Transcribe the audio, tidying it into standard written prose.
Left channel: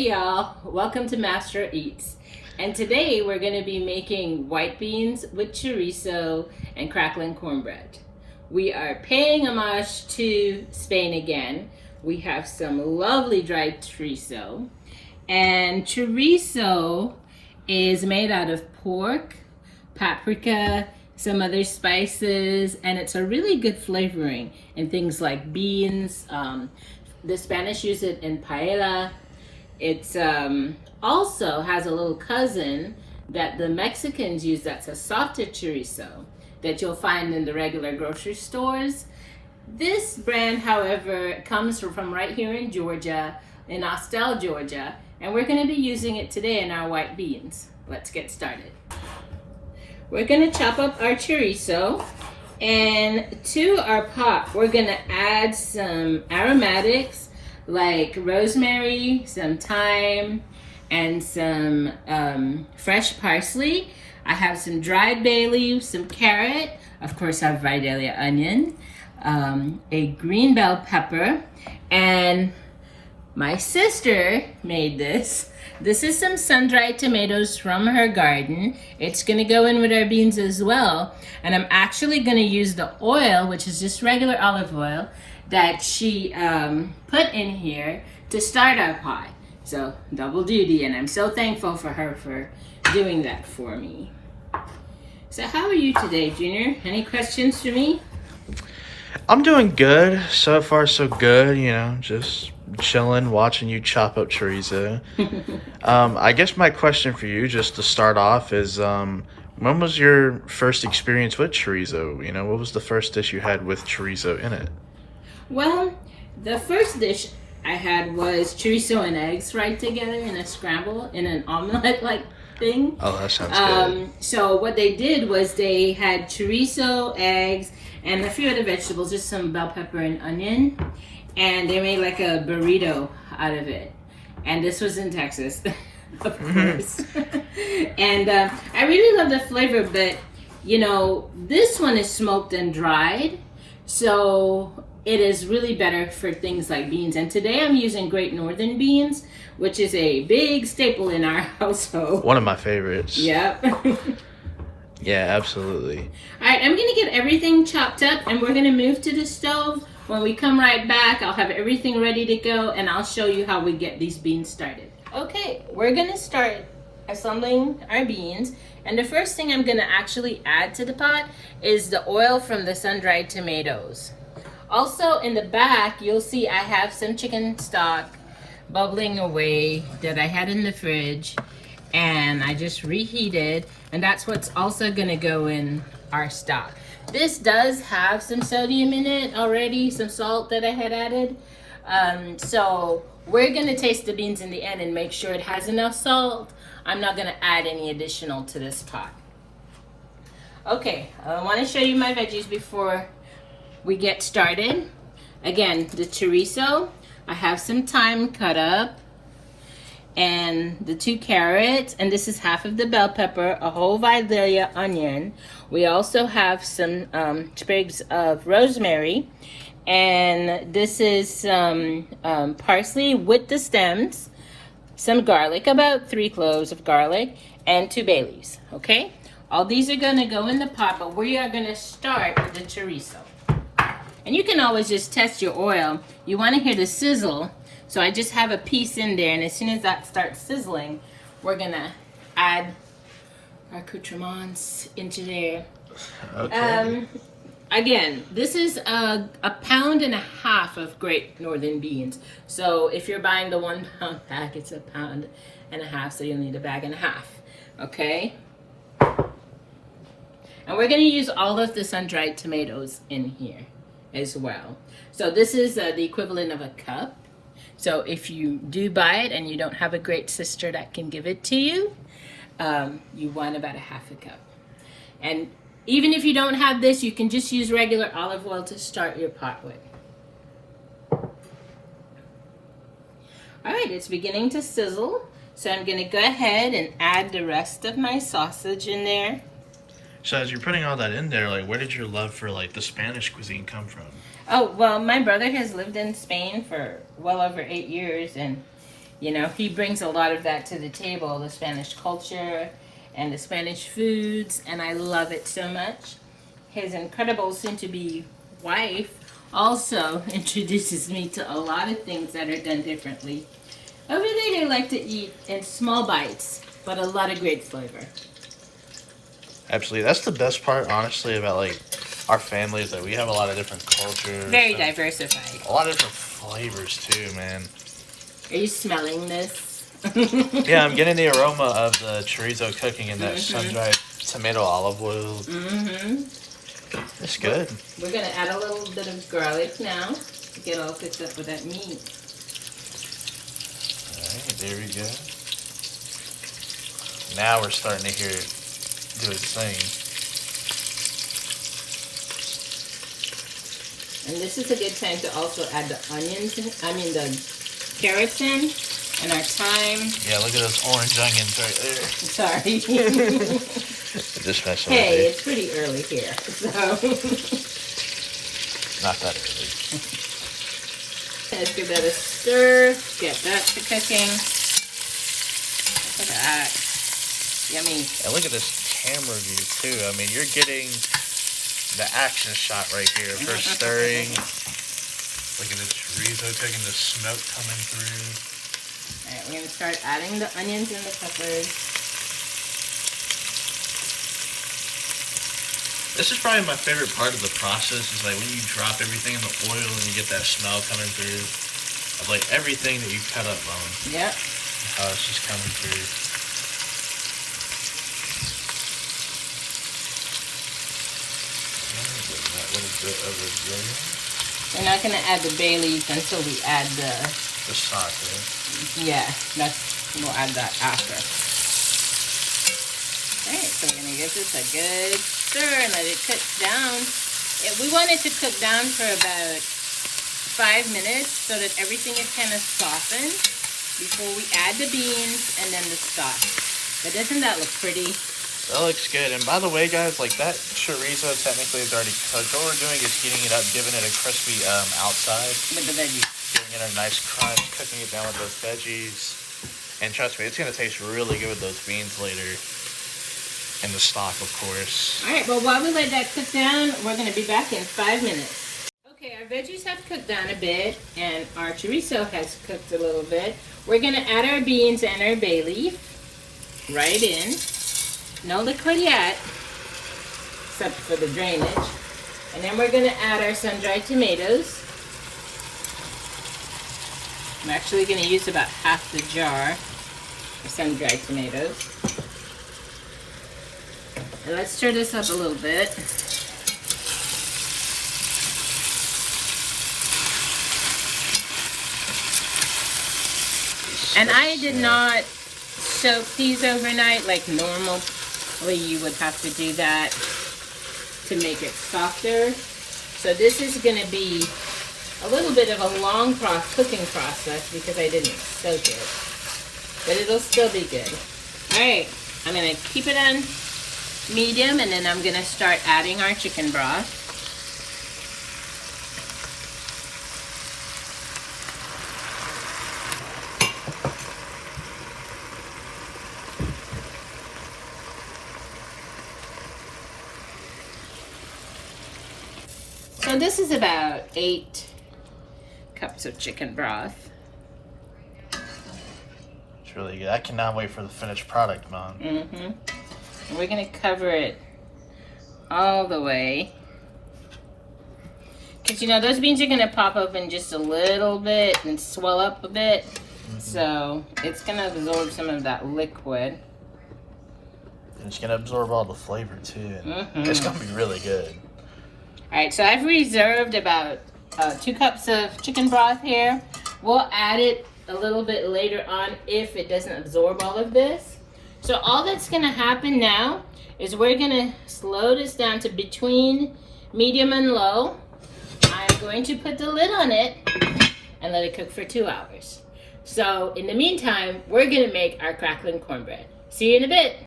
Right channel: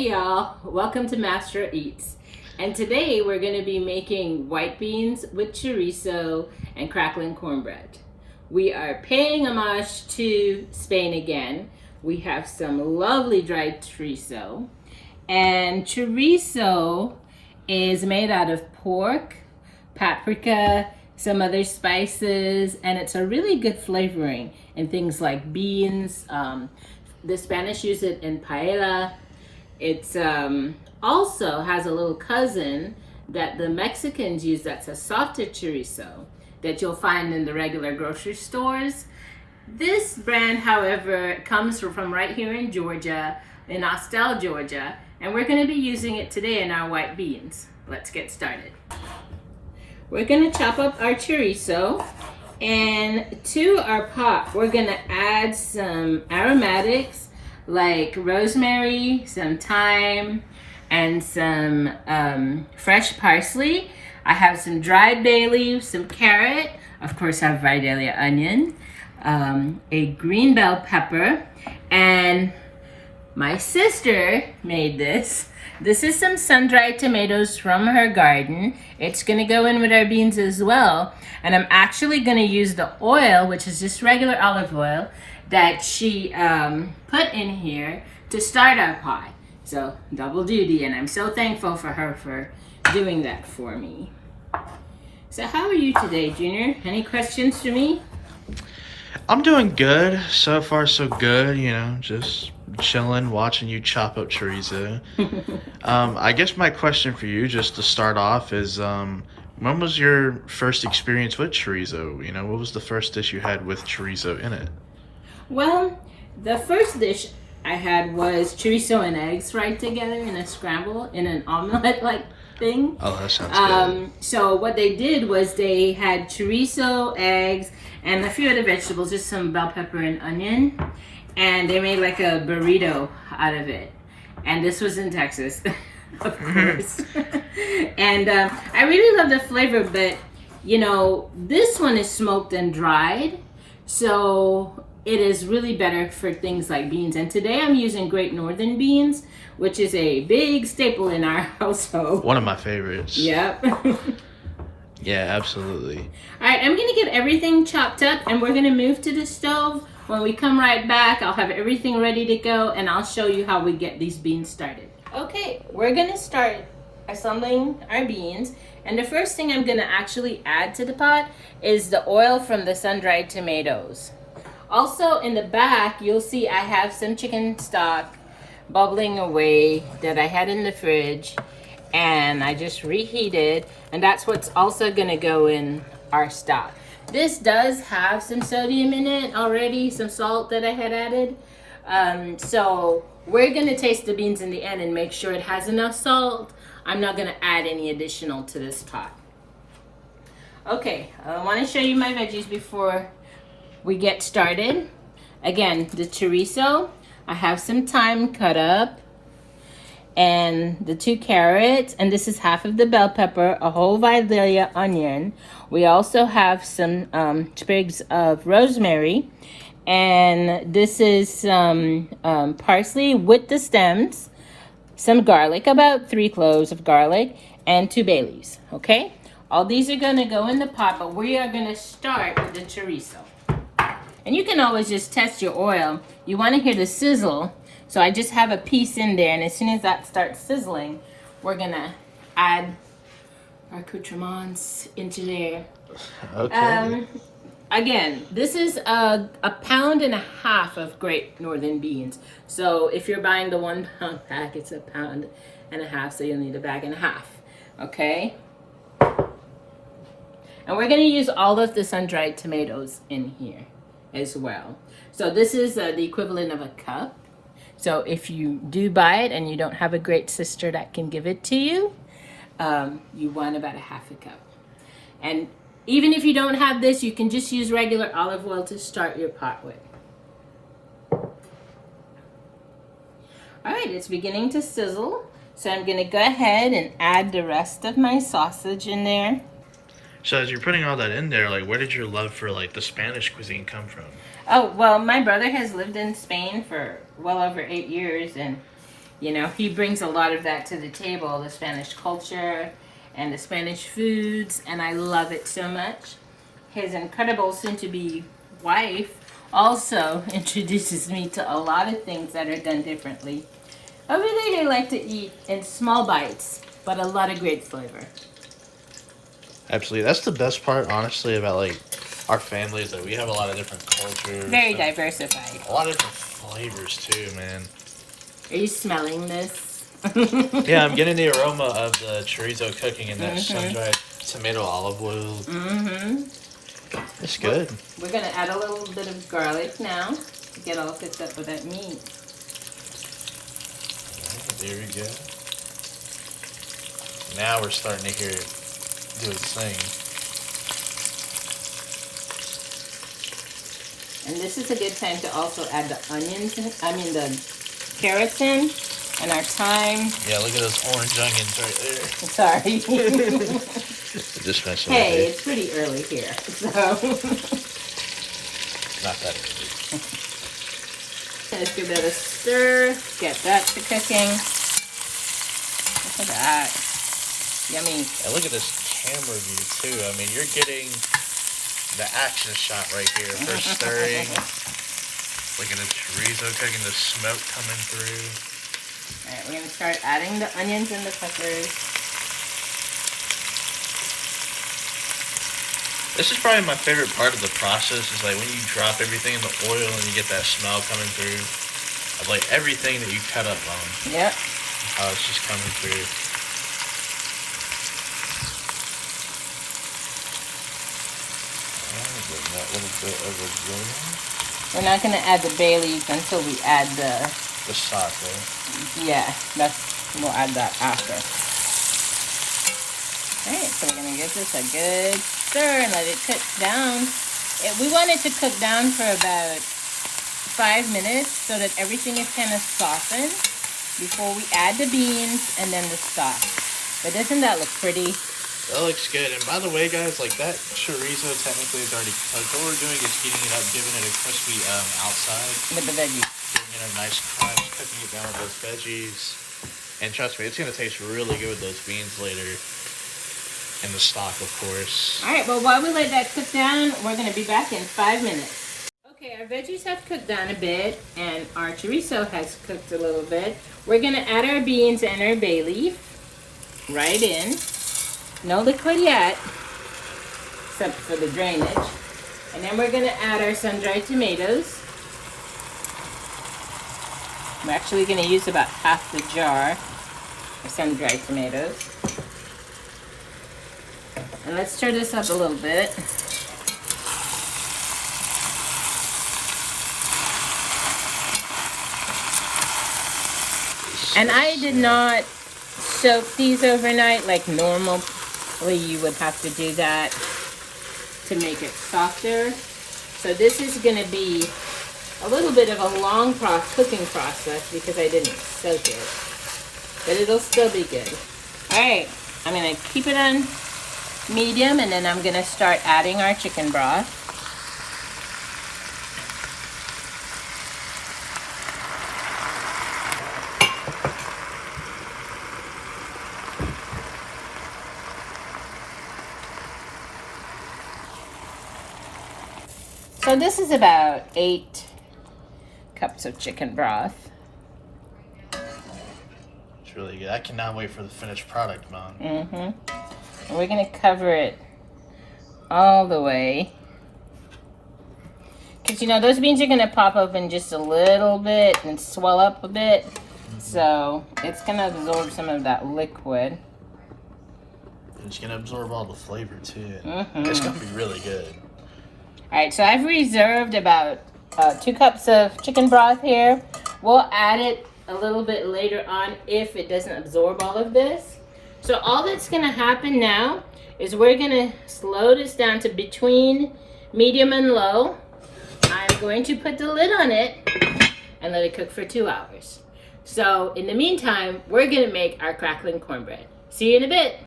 Hey y'all, welcome to Master Eats. And today we're going to be making white beans with chorizo and crackling cornbread. We are paying homage to Spain again. We have some lovely dried chorizo. And chorizo is made out of pork, paprika, some other spices, and it's a really good flavoring in things like beans. The Spanish use it in paella. It's also has a little cousin that the Mexicans use that's a softer chorizo that you'll find in the regular grocery stores. This brand, however, comes from right here in Georgia, in Austell, Georgia, and we're going to be using it today in our white beans. Let's get started. We're going to chop up our chorizo, and to our pot, we're going to add some aromatics like rosemary, some thyme, and some fresh parsley. I have some dried bay leaves, some carrot, of course I have Vidalia onion, a green bell pepper, and my sister made this. This is some sun-dried tomatoes from her garden. It's gonna go in with our beans as well. And I'm actually gonna use the oil, which is just regular olive oil, that she put in here to start our pie. So double duty, and I'm so thankful for her for doing that for me. So how are you today, Junior? Any questions for me? I'm doing good. So far, so good. You know, just chilling, watching you chop up chorizo. I guess my question for you, just to start off, is when was your first experience with chorizo? You know, what was the first dish you had with chorizo in it? Well, the first dish I had was chorizo and eggs fried together in a scramble, in an omelet-like thing. Oh, that sounds good. So what they did was they had chorizo, eggs, and a few other vegetables, just some bell pepper and onion. And they made like a burrito out of it. And this was in Texas, of course. And I really love the flavor, but you know, this one is smoked and dried. So it is really better for things like beans. And today I'm using Great Northern beans, which is a big staple in our household. One of my favorites. Yep. Yeah, absolutely. All right, I'm gonna get everything chopped up and we're gonna move to the stove. When we come right back, I'll have everything ready to go and I'll show you how we get these beans started. Okay, we're gonna start assembling our beans. And the first thing I'm gonna actually add to the pot is the oil from the sun-dried tomatoes. Also in the back, you'll see I have some chicken stock bubbling away that I had in the fridge and I just reheated, and that's what's also gonna go in our stock. This does have some sodium in it already, some salt that I had added. So we're gonna taste the beans in the end and make sure it has enough salt. I'm not gonna add any additional to this pot. Okay, I wanna show you my veggies before we get started. Again, the chorizo, I have some thyme cut up, and the 2 carrots, and this is half of the bell pepper, a whole Vidalia onion. We also have some sprigs of rosemary, and this is some parsley with the stems, some garlic, about 3 cloves of garlic, and 2 bay leaves, okay? All these are gonna go in the pot, but we are gonna start with the chorizo. And you can always just test your oil. You wanna hear the sizzle. So I just have a piece in there, and as soon as that starts sizzling, we're gonna add our accoutrements into there. Okay. Again, this is a pound and a half of Great Northern beans. So if you're buying the 1 pound pack, it's a pound and a half, so you'll need a bag and a half, okay? And we're gonna use all of the sun-dried tomatoes in here as well. So this is the equivalent of a cup. So if you do buy it and you don't have a great sister that can give it to you, you want about a half a cup. And even if you don't have this, you can just use regular olive oil to start your pot with. All right, it's beginning to sizzle. So I'm gonna go ahead and add the rest of my sausage in there. So as you're putting all that in there, like, where did your love for like the Spanish cuisine come from? Oh, well, my brother has lived in Spain for well over 8 years, and You know, he brings a lot of that to the table, the Spanish culture and the Spanish foods, and I love it so much. His incredible soon-to-be wife also introduces me to a lot of things that are done differently. Over there, they like to eat in small bites, but a lot of great flavor. Absolutely. That's the best part, honestly, about like our family is that we have a lot of different cultures. Very diversified. A lot of different flavors too, man. Are you smelling this? Yeah, I'm getting the aroma of the chorizo cooking in that sun-dried tomato olive oil. It's good. We're gonna add a little bit of garlic now to get all cooked up with that meat. Alright, there we go. Now we're starting to hear it do its thing. And this is a good time to also add the onions, the carrots in, and our thyme. Yeah, look at those orange onions right there. Sorry. Just messing Hey, with it's pretty early here, so. Not that early. Let's give that a stir, get that to cooking. Look at that. Yummy. And look at this camera view too. I mean, you're getting the action shot right here. First stirring. Look at this chorizo cooking, the smoke coming through. Alright, we're going to start adding the onions and the peppers. This is probably my favorite part of the process is like when you drop everything in the oil and you get that smell coming through of like everything that you cut up on. Yep. How it's just coming through. That little bit of a zing. We're not going to add the bay leaf until we add the stock, right? Yeah, we'll add that after. Alright, so we're going to give this a good stir and let it cook down. We want it to cook down for about 5 minutes so that everything is kind of softened before we add the beans and then the stock. But doesn't that look pretty? That looks good. And by the way, guys, like that chorizo technically is already cooked. What we're doing is heating it up, giving it a crispy outside. With the veggies. Giving it a nice crunch, cooking it down with those veggies. And trust me, it's going to taste really good with those beans later. And the stock, of course. Alright, but while we let that cook down, we're going to be back in 5 minutes. Okay, our veggies have cooked down a bit, and our chorizo has cooked a little bit. We're going to add our beans and our bay leaf right in. No liquid yet, except for the drainage. And then we're going to add our sun-dried tomatoes. I'm actually going to use about half the jar of sun-dried tomatoes. And let's stir this up a little bit. And I did not soak these overnight like normally you would have to do that to make it softer. So this is going to be a little bit of a long cooking process because I didn't soak it. But it'll still be good. Alright, I'm going to keep it on medium and then I'm going to start adding our chicken broth. So this is about 8 cups of chicken broth. It's really good. I cannot wait for the finished product, Mom. And we're going to cover it all the way. Because, you know, those beans are going to pop open just a little bit and swell up a bit. So it's going to absorb some of that liquid. And it's going to absorb all the flavor, too. It's going to be really good. Alright, so I've reserved about 2 cups of chicken broth here. We'll add it a little bit later on if it doesn't absorb all of this. So all that's going to happen now is we're going to slow this down to between medium and low. I'm going to put the lid on it and let it cook for 2 hours. So in the meantime, we're going to make our crackling cornbread. See you in a bit.